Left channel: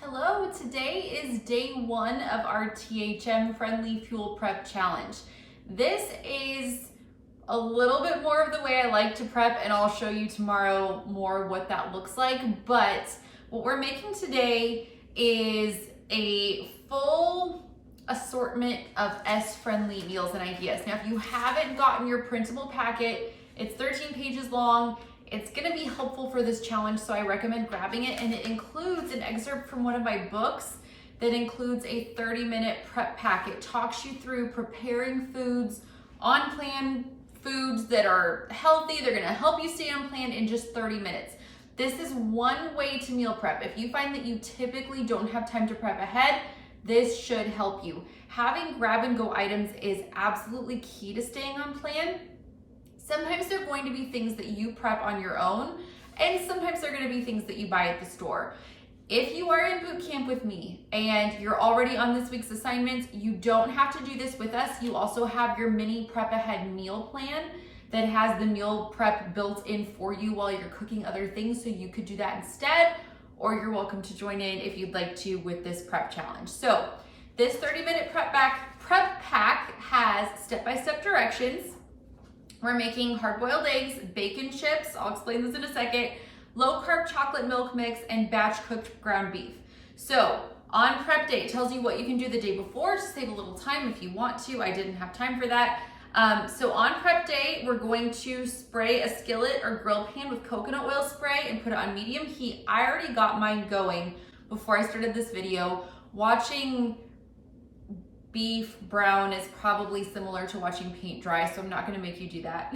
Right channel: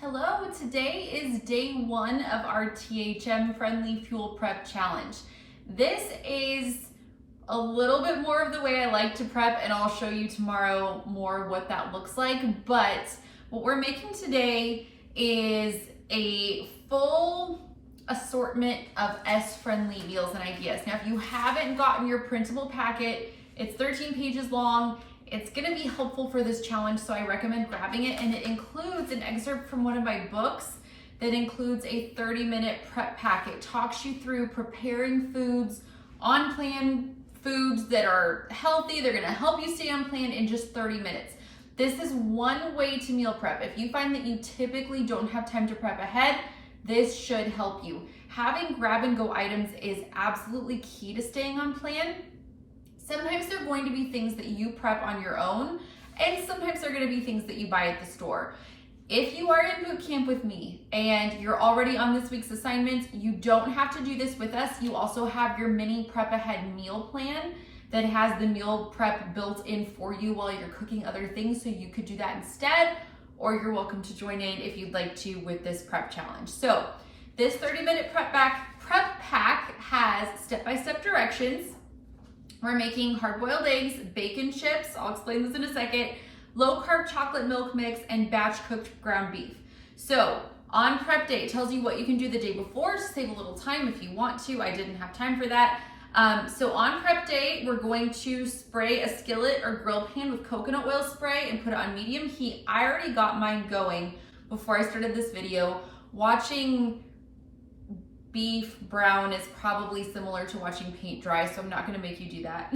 Hello, today is day one of our THM Friendly Fuel Prep Challenge. This is a little bit more of the way I like to prep, and I'll show you tomorrow more what that looks like. But what we're making today is a full assortment of S-friendly meals and ideas. Now, if you haven't gotten your printable packet, it's 13 pages long. It's gonna be helpful for this challenge, so I recommend grabbing it, and it includes an excerpt from one of my books that includes a 30-minute prep pack. It talks you through preparing foods, on-plan foods that are healthy. They're gonna help you stay on plan in just 30 minutes. This is one way to meal prep. If you find that you typically don't have time to prep ahead, this should help you. Having grab-and-go items is absolutely key to staying on plan. Sometimes they're going to be things that you prep on your own, and sometimes they're gonna be things that you buy at the store. If you are in boot camp with me and you're already on this week's assignments, you don't have to do this with us. You also have your mini prep ahead meal plan that has the meal prep built in for you while you're cooking other things, so you could do that instead, or you're welcome to join in if you'd like to with this prep challenge. So this 30-minute prep pack has step-by-step directions. We're making hard-boiled eggs, bacon chips, I'll explain this in a second, low-carb chocolate milk mix, and batch-cooked ground beef. So on prep day, it tells you what you can do the day before to save a little time if you want to. I didn't have time for that. So on prep day, we're going to spray a skillet or grill pan with coconut oil spray and put it on medium heat. I already got mine going before I started this video. Watching beef brown is probably similar to watching paint dry, so I'm not gonna make you do that.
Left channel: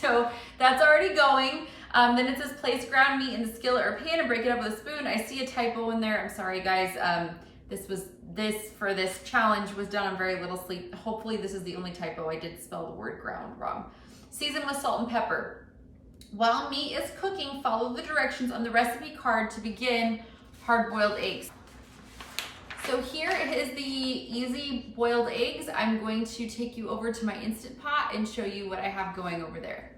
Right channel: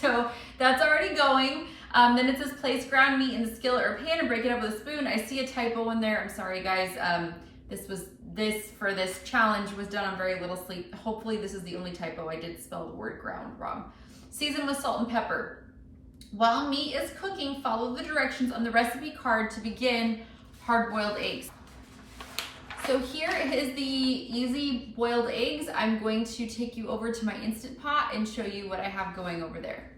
So that's already going. Then it says place ground meat in the skillet or pan and break it up with a spoon. I see a typo in there. I'm sorry, guys. This for this challenge was done on very little sleep. Hopefully this is the only typo. I did spell the word ground wrong. Season with salt and pepper. While meat is cooking, follow the directions on the recipe card to begin hard-boiled eggs. So here is the easy boiled eggs. I'm going to take you over to my Instant Pot and show you what I have going over there.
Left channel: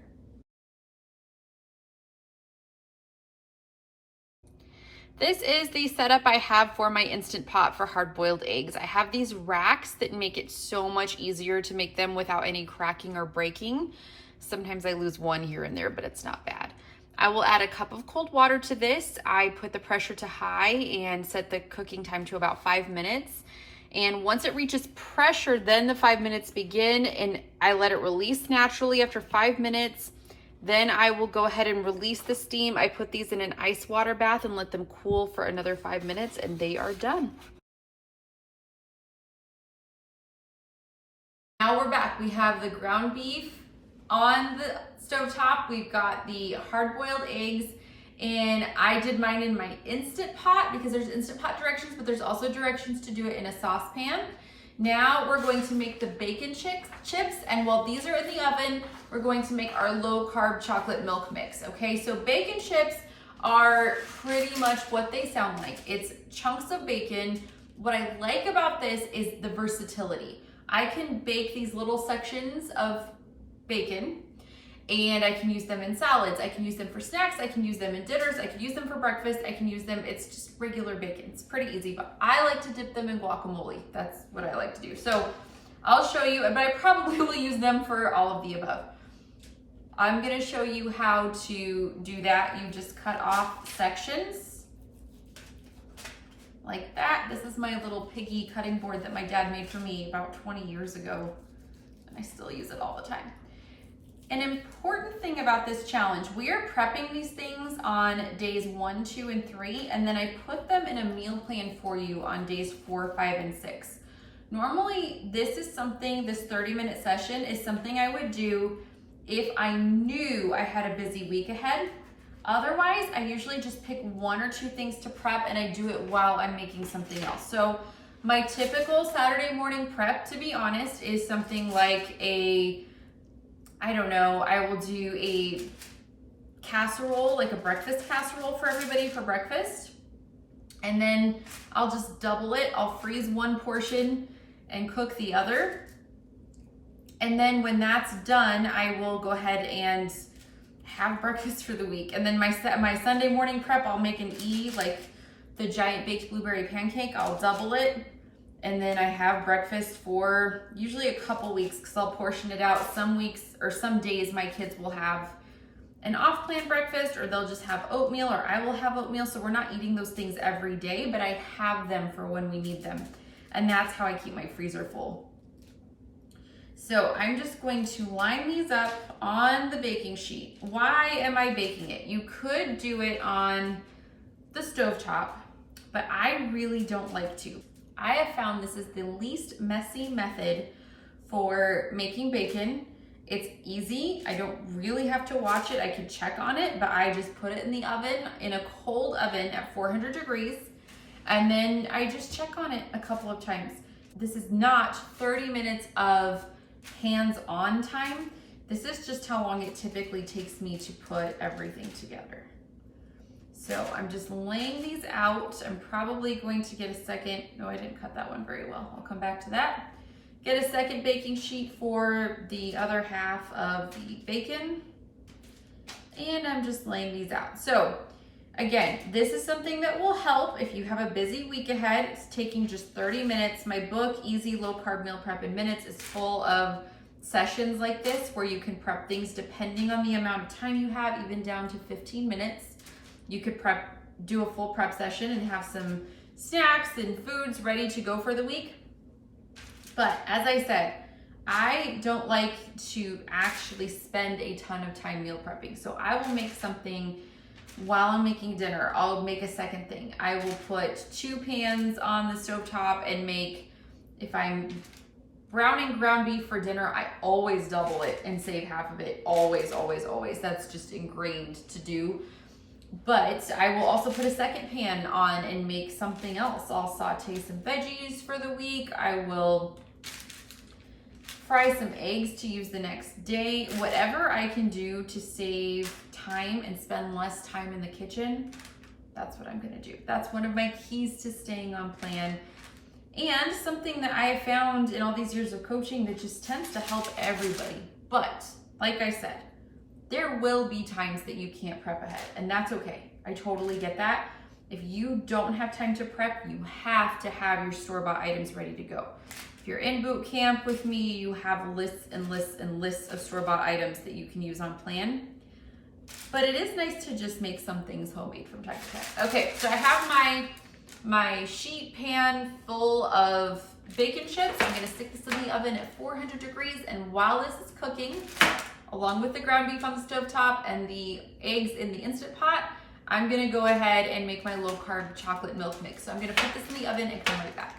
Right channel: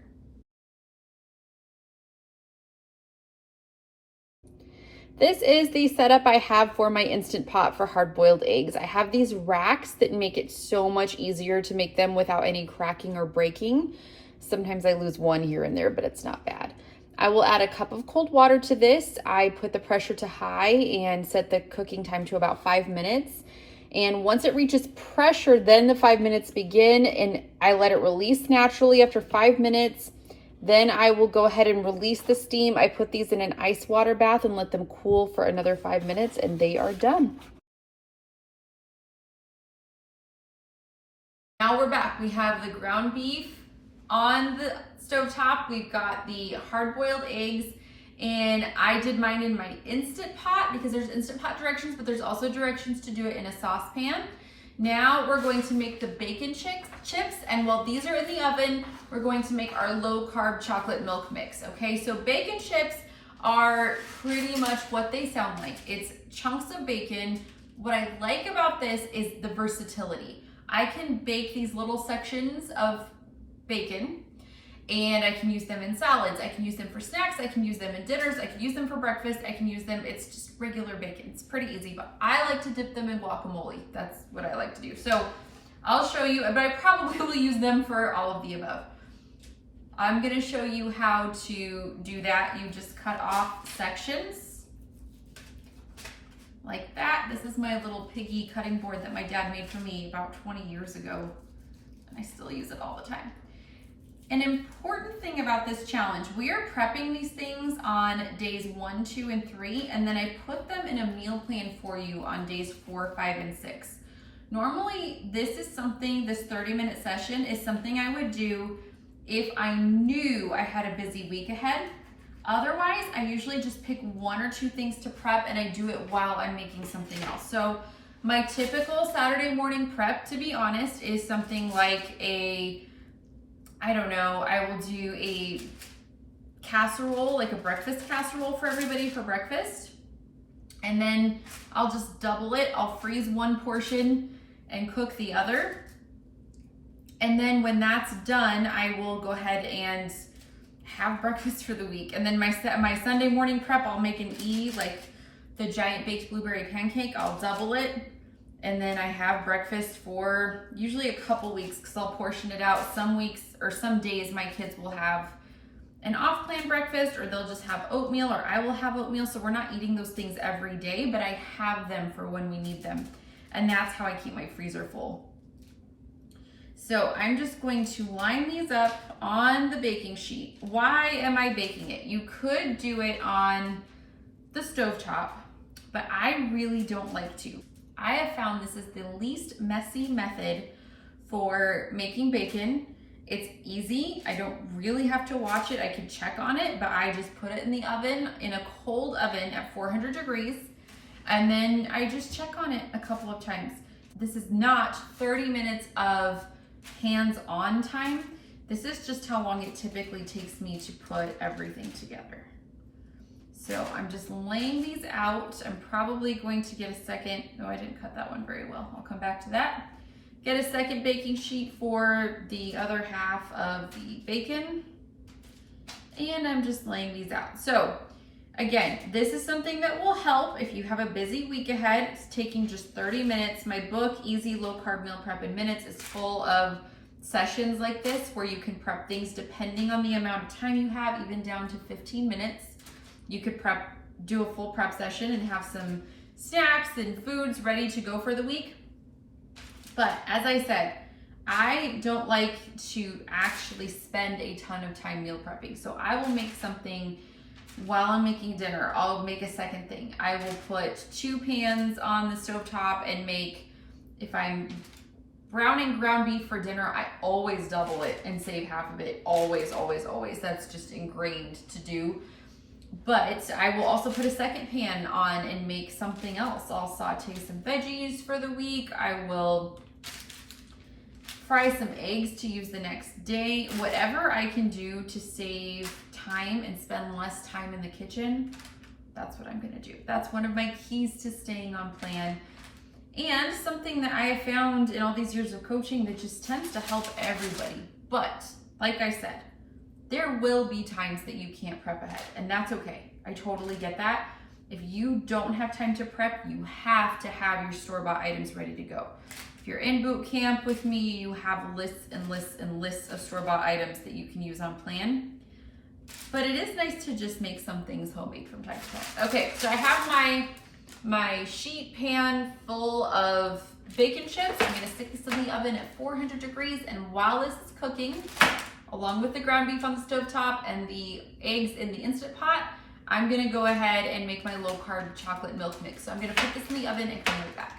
This is the setup I have for my Instant Pot for hard-boiled eggs. I have these racks that make it so much easier to make them without any cracking or breaking. Sometimes I lose one here and there, but it's not bad. I will add a cup of cold water to this. I put the pressure to high and set the cooking time to about 5 minutes. And once it reaches pressure, then the 5 minutes begin, and I let it release naturally after 5 minutes. Then I will go ahead and release the steam. I put these in an ice water bath and let them cool for another 5 minutes, and they are done. Now we're back. We have the ground beef on the stovetop. We've got the hard-boiled eggs, and I did mine in my Instant Pot because there's Instant Pot directions, but there's also directions to do it in a saucepan. Now we're going to make the bacon chips, and while these are in the oven, we're going to make our low-carb chocolate milk mix, okay? So bacon chips are pretty much what they sound like. It's chunks of bacon. What I like about this is the versatility. I can bake these little sections of bacon, and I can use them in salads. I can use them for snacks. I can use them in dinners. I can use them for breakfast. I can use them, it's just regular bacon. It's pretty easy, but I like to dip them in guacamole. That's what I like to do. So I'll show you, but I probably will use them for all of the above. I'm gonna show you how to do that. You just cut off sections like that. This is my little piggy cutting board that my dad made for me about 20 years ago, and I still use it all the time. An important thing about this challenge, we are prepping these things on days 1, 2, and 3, and then I put them in a meal plan for you on days 4, 5, and 6. Normally, this 30-minute session is something I would do if I knew I had a busy week ahead. Otherwise, I usually just pick 1 or 2 things to prep, and I do it while I'm making something else. So my typical Saturday morning prep, to be honest, is something like I will do a casserole, like a breakfast casserole for everybody for breakfast. And then I'll just double it. I'll freeze one portion and cook the other. And then when that's done, I will go ahead and have breakfast for the week. And then my Sunday morning prep, I'll make an E, like the giant baked blueberry pancake. I'll double it. And then I have breakfast for usually a couple weeks because I'll portion it out. Some weeks or some days my kids will have an off-plan breakfast, or they'll just have oatmeal, or I will have oatmeal. So we're not eating those things every day, but I have them for when we need them. And that's how I keep my freezer full. So I'm just going to line these up on the baking sheet. Why am I baking it? You could do it on the stovetop, but I really don't like to. I have found this is the least messy method for making bacon. It's easy. I don't really have to watch it. I could check on it, but I just put it in the oven, in a cold oven at 400 degrees. And then I just check on it a couple of times. This is not 30 minutes of hands-on time. This is just how long it typically takes me to put everything together. So I'm just laying these out. I'm probably going to get a second, no, I didn't cut that one very well. I'll come back to that. Get a second baking sheet for the other half of the bacon. And I'm just laying these out. So again, this is something that will help if you have a busy week ahead. It's taking just 30 minutes. My book, Easy Low Carb Meal Prep in Minutes, is full of sessions like this where you can prep things depending on the amount of time you have, even down to 15 minutes. You could do a full prep session and have some snacks and foods ready to go for the week. But as I said, I don't like to actually spend a ton of time meal prepping. So I will make something while I'm making dinner. I'll make a second thing. I will put 2 pans on the stovetop and make, if I'm browning ground beef for dinner, I always double it and save half of it. Always, always, always. That's just ingrained to do. But I will also put a second pan on and make something else. I'll saute some veggies for the week. I will fry some eggs to use the next day. Whatever I can do to save time and spend less time in the kitchen, that's what I'm gonna do. That's one of my keys to staying on plan. And something that I have found in all these years of coaching that just tends to help everybody. But like I said, there will be times that you can't prep ahead, and that's okay. I totally get that. If you don't have time to prep, you have to have your store-bought items ready to go. If you're in boot camp with me, you have lists and lists and lists of store-bought items that you can use on plan. But it is nice to just make some things homemade from time to time. Okay, so I have my sheet pan full of bacon chips. I'm gonna stick this in the oven at 400 degrees, and while this is cooking, along with the ground beef on the stovetop and the eggs in the Instant Pot, I'm gonna go ahead and make my low carb chocolate milk mix. So I'm gonna put this in the oven and come right back.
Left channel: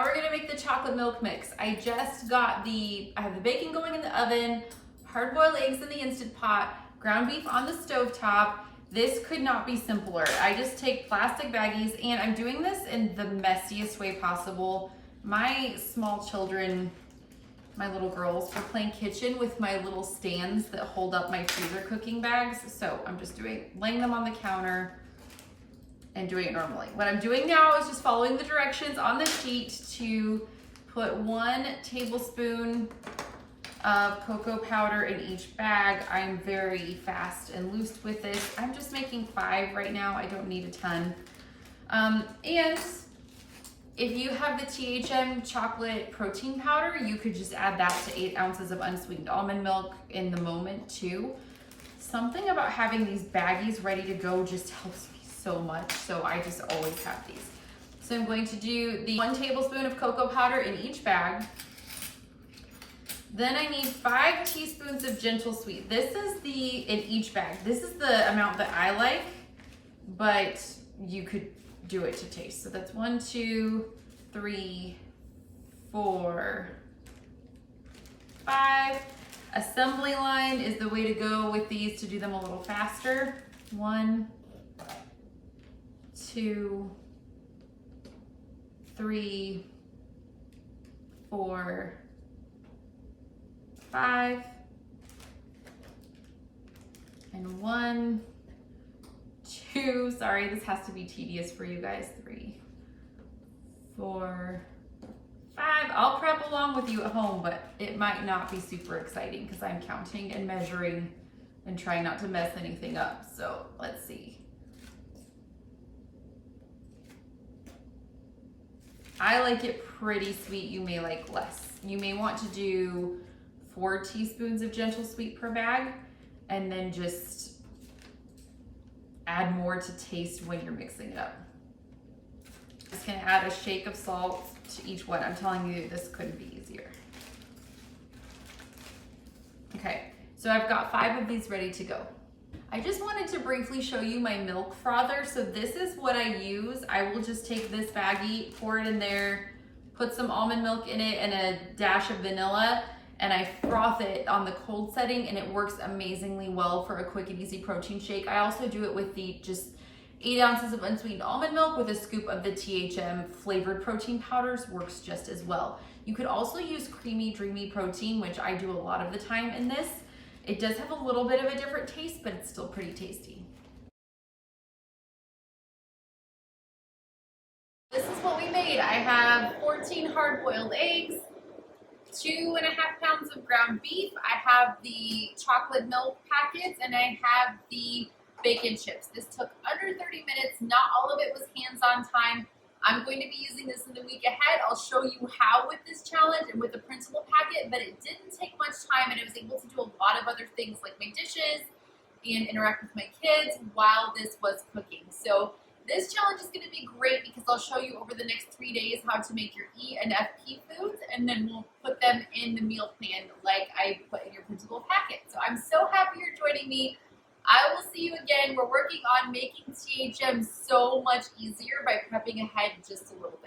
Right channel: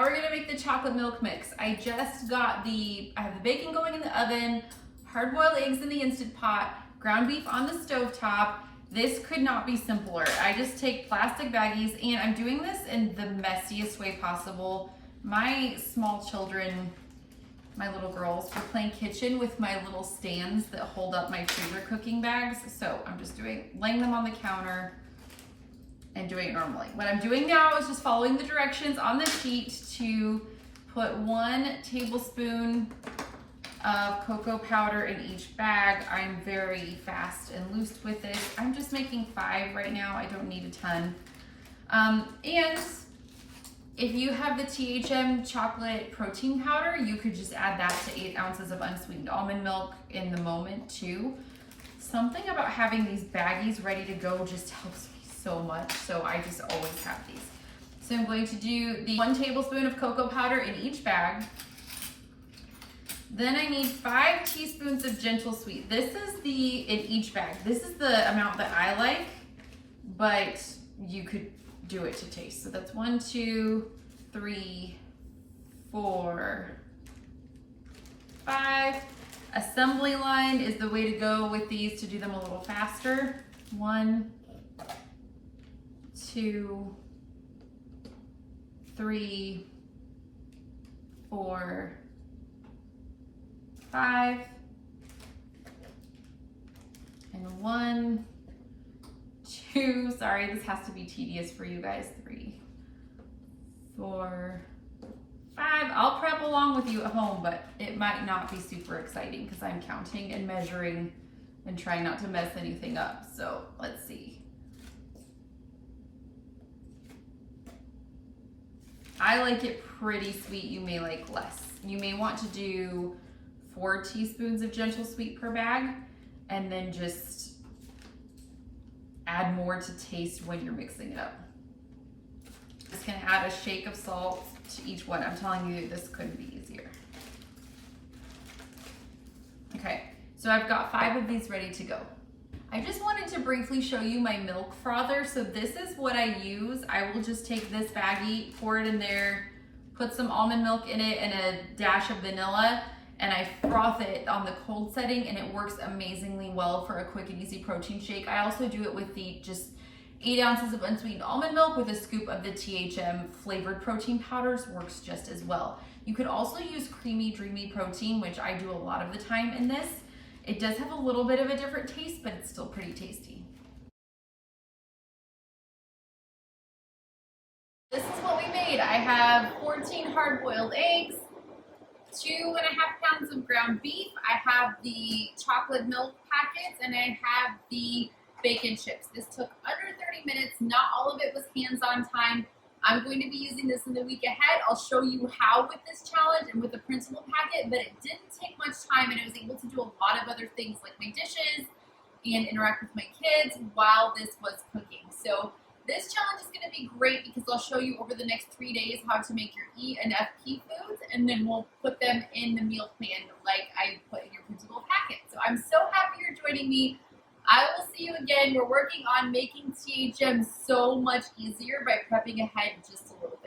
We're gonna make the chocolate milk mix. I just got I have the bacon going in the oven, hard-boiled eggs in the Instant Pot, ground beef on the stovetop. This could not be simpler. I just take plastic baggies, and I'm doing this in the messiest way possible. My small children, my little girls, are playing kitchen with my little stands that hold up my freezer cooking bags. So I'm just laying them on the counter and doing it normally. What I'm doing now is just following the directions on the sheet to put 1 tablespoon of cocoa powder in each bag. I'm very fast and loose with this. I'm just making 5 right now. I don't need a ton. And if you have the THM chocolate protein powder, you could just add that to 8 ounces of unsweetened almond milk in the moment too. Something about having these baggies ready to go just helps me so much. So I just always have these. So I'm going to do the 1 tablespoon of cocoa powder in each bag. Then I need 5 teaspoons of gentle sweet. This is in each bag. This is the amount that I like, but you could do it to taste. So that's 1, 2, 3, 4, 5. Assembly line is the way to go with these to do them a little faster. 1, 2, 3, 4, 5, and 1, 2, sorry, this has to be tedious for you guys, 3, 4, 5. I'll prep along with you at home, but it might not be super exciting because I'm counting and measuring and trying not to mess anything up. So let's see. I like it pretty sweet. You may like less. You may want to do 4 teaspoons of gentle sweet per bag and then just add more to taste when you're mixing it up. Just gonna add a shake of salt to each one. I'm telling you, this couldn't be easier. Okay, so I've got 5 of these ready to go. I just wanted to briefly show you my milk frother. So this is what I use. I will just take this baggie, pour it in there, put some almond milk in it and a dash of vanilla, and I froth it on the cold setting, and it works amazingly well for a quick and easy protein shake. I also do it with the just 8 ounces of unsweetened almond milk with a scoop of the THM flavored protein powders, works just as well. You could also use creamy, dreamy protein, which I do a lot of the time in this. It does have a little bit of a different taste, but it's still pretty tasty. This is what we made. I have 14 hard-boiled eggs, 2.5 pounds of ground beef. I have the chocolate milk packets, and I have the bacon chips. This took under 30 minutes. Not all of it was hands-on time. I'm going to be using this in the week ahead. I'll show you how with this challenge and with the principal packet, but it didn't take much time, and I was able to do a lot of other things like my dishes and interact with my kids while this was cooking. So this challenge is going to be great because I'll show you over the next 3 days how to make your E and FP foods, and then we'll put them in the meal plan like I put in your principal packet. So I'm so happy you're joining me. I will see you again. We're working on making THM so much easier by prepping ahead just a little